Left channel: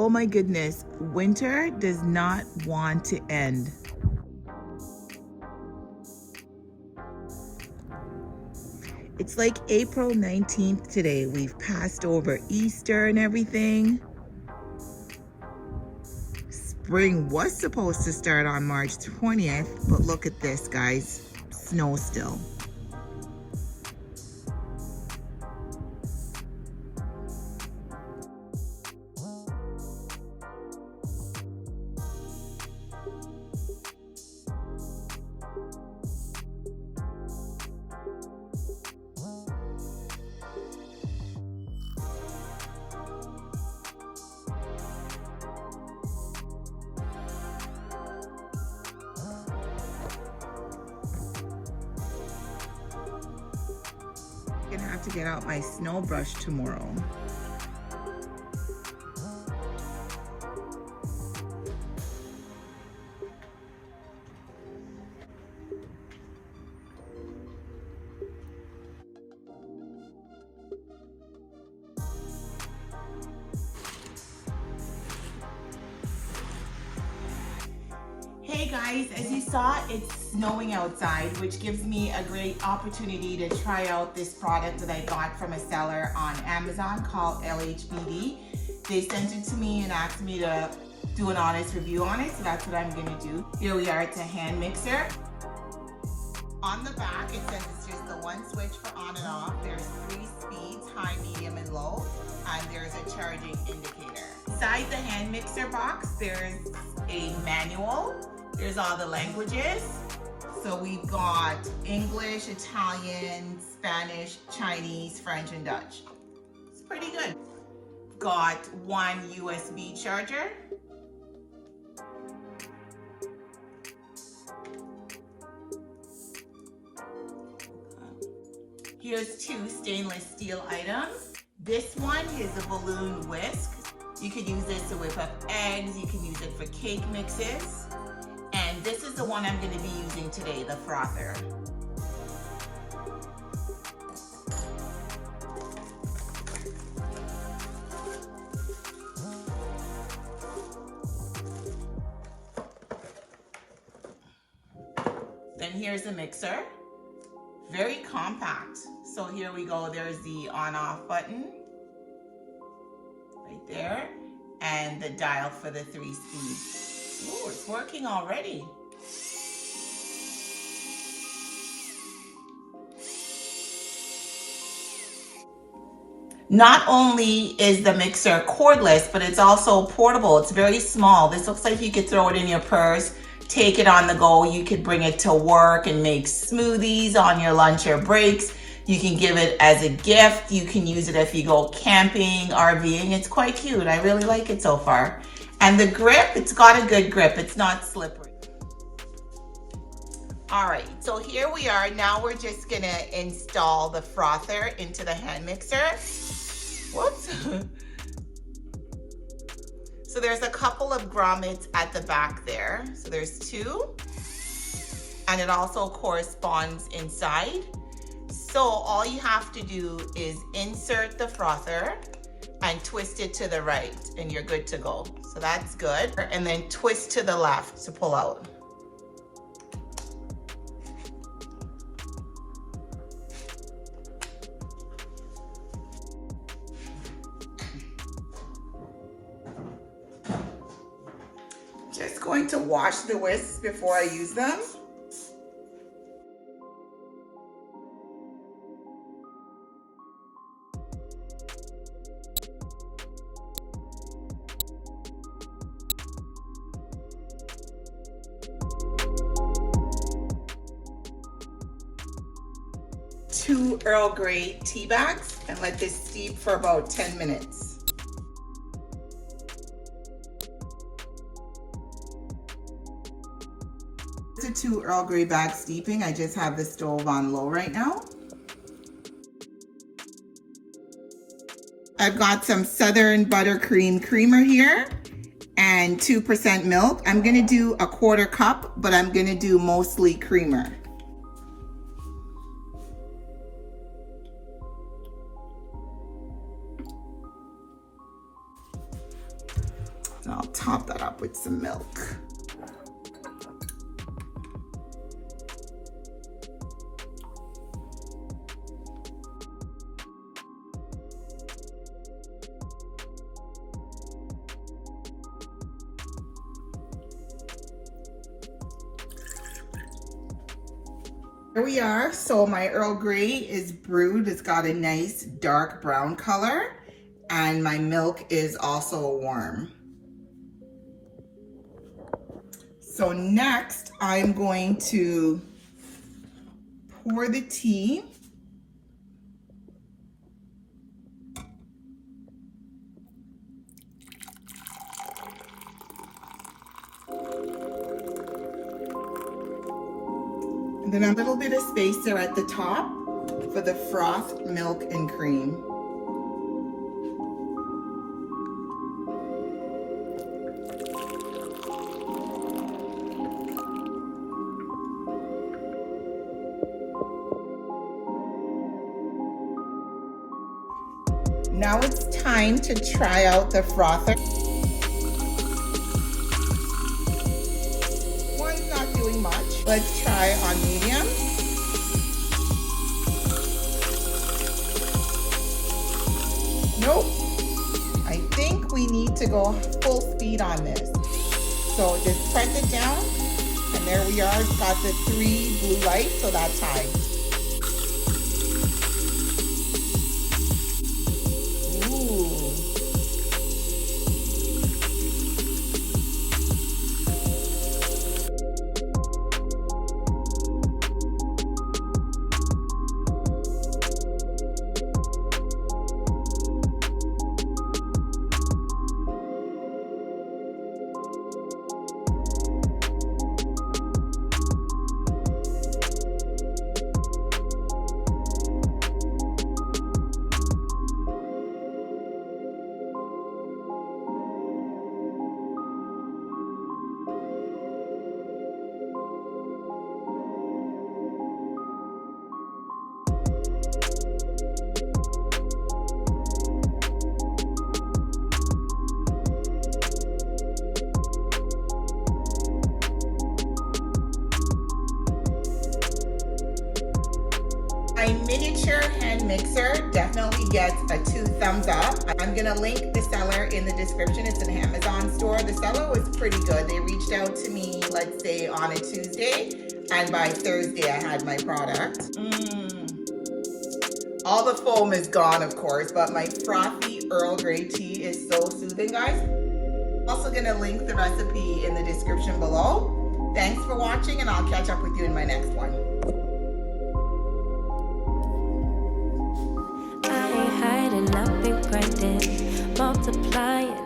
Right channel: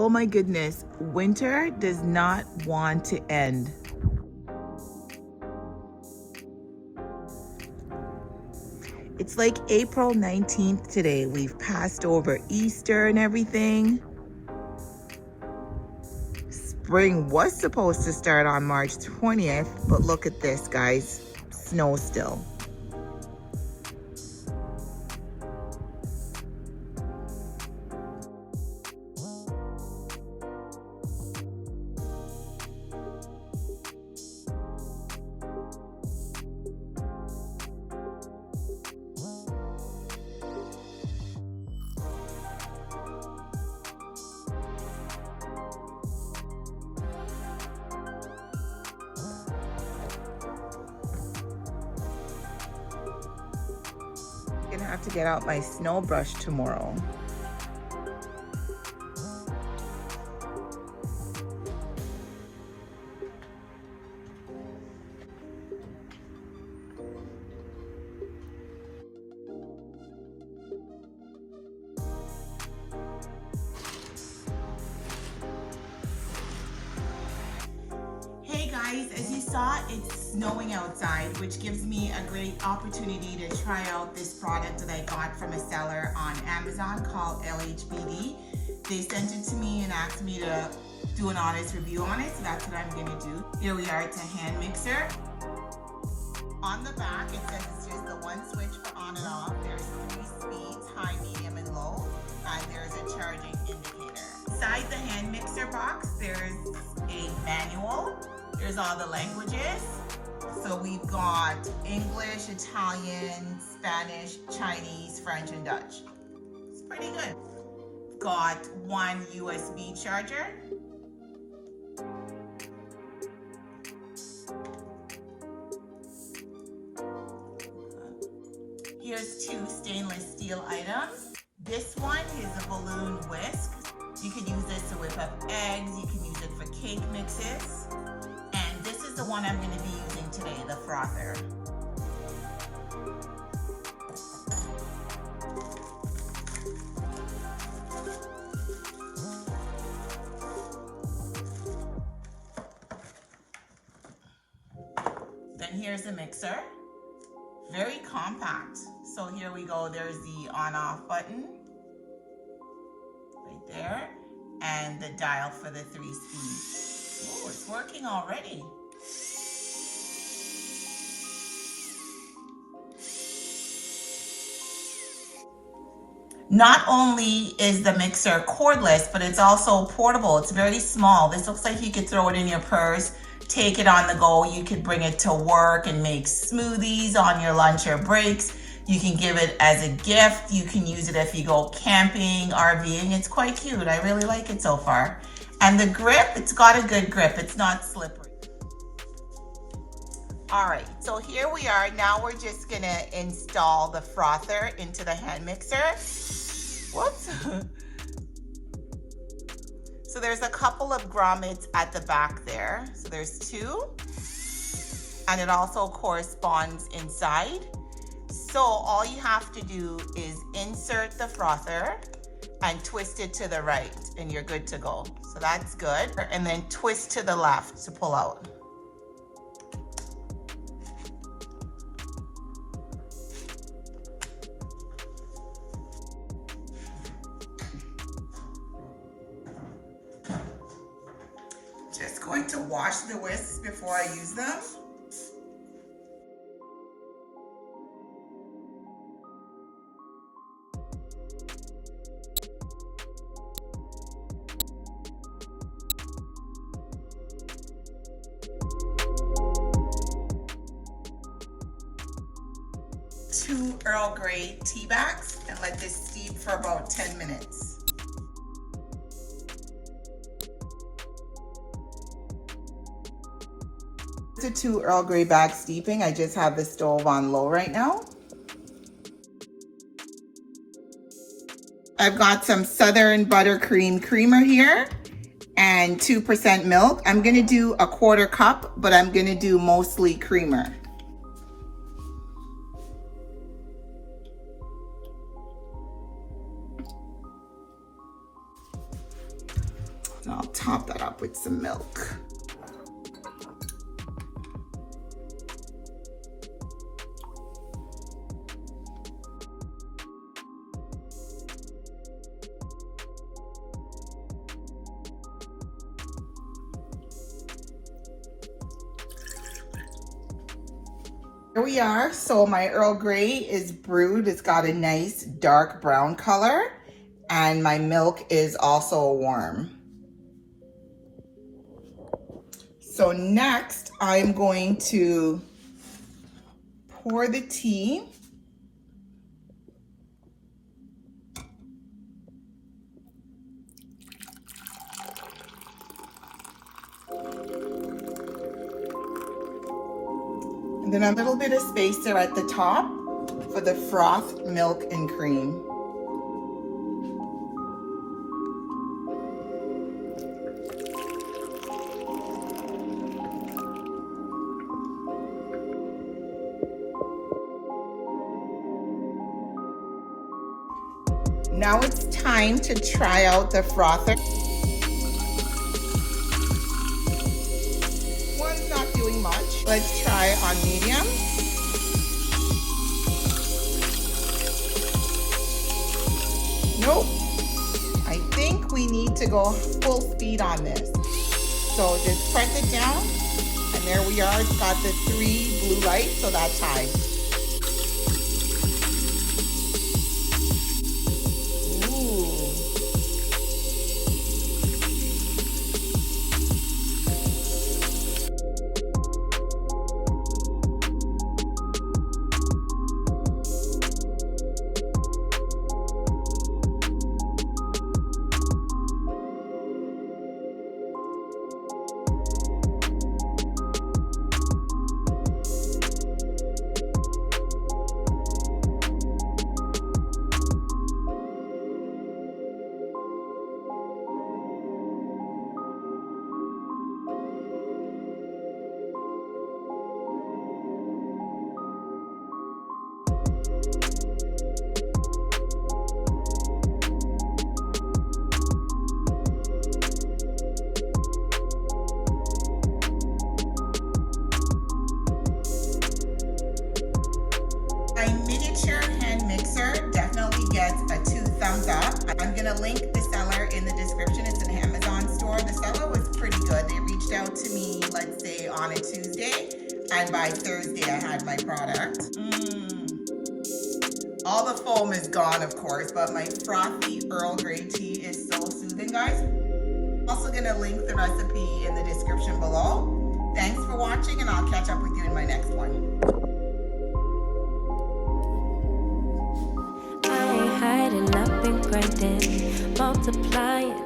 Oh my goodness, winter does not want to end. It's like April 19th today. We've passed over Easter and everything. Spring was supposed to start on March 20th, but look at this, guys. Snow still. Gonna have to get out my snow brush tomorrow. Hey guys, as you saw, it's snowing outside, which gives me a great opportunity to try out this product that I got from a seller on Amazon called LHBD. They sent it to me and asked me to do an honest review on it, so that's what I'm gonna do. Here we are, it's a hand mixer. On the back, it says it's just the one switch for on and off. There's 3 speeds, high, medium, and low, and there's a charging indicator. Inside the hand mixer box, there's a manual. There's all the languages. So we've got English, Italian, Spanish, Chinese, French, and Dutch. It's pretty good. Got 1 USB charger. Here's 2 stainless steel items. This one is a balloon whisk. You could use it to whip up eggs. You can use it for cake mixes. And this is the one I'm going to be using today, the frother. Then here's a mixer. Very compact. So here we go. There's the on-off button right there, and the dial for the 3 speeds. Ooh, it's working already. Not only is the mixer cordless, but it's also portable. It's very small. This looks like you could throw it in your purse, take it on the go. You could bring it to work and make smoothies on your lunch or breaks. You can give it as a gift. You can use it if you go camping, RVing. It's quite cute. I really like it so far. And the grip, it's got a good grip. It's not slippery. All right, so here we are. Now we're just gonna install the frother into the hand mixer. Whoops. So there's a couple of grommets at the back there. So there's 2, and it also corresponds inside. So all you have to do is insert the frother and twist it to the right, and you're good to go. So that's good. And then twist to the left to pull out. Just going to wash the whisks before I use them. Two Earl Grey tea bags and let this steep for about 10 minutes. The 2 Earl Grey bags steeping. I just have the stove on low right now. I've got some Southern Buttercream creamer here and 2% milk. I'm gonna do a 1/4 cup, but I'm gonna do mostly creamer. And I'll top that up with some milk. Here we are. So my Earl Grey is brewed. It's got a nice dark brown color, and my milk is also warm. So next I'm going to pour the tea. And then a little bit of spacer at the top for the froth, milk, and cream. Now it's time to try out the frother. One's not doing much. Let's try on medium. Nope. I think we need to go full speed on this. So just press it down, and there we are. It's got the 3 blue lights, so that's high. My miniature hand mixer definitely gets a 2 thumbs up. I'm gonna link the seller in the description. It's an Amazon store. The seller was pretty good. They reached out to me, let's say on a Tuesday, and by Thursday I had my product. All the foam is gone, of course, but my frothy Earl Grey tea is so soothing, guys. I'm also gonna link the recipe in the description below. Thanks for watching, and I'll catch up with you in my next one. Hiding, I've been grinding, multiplying,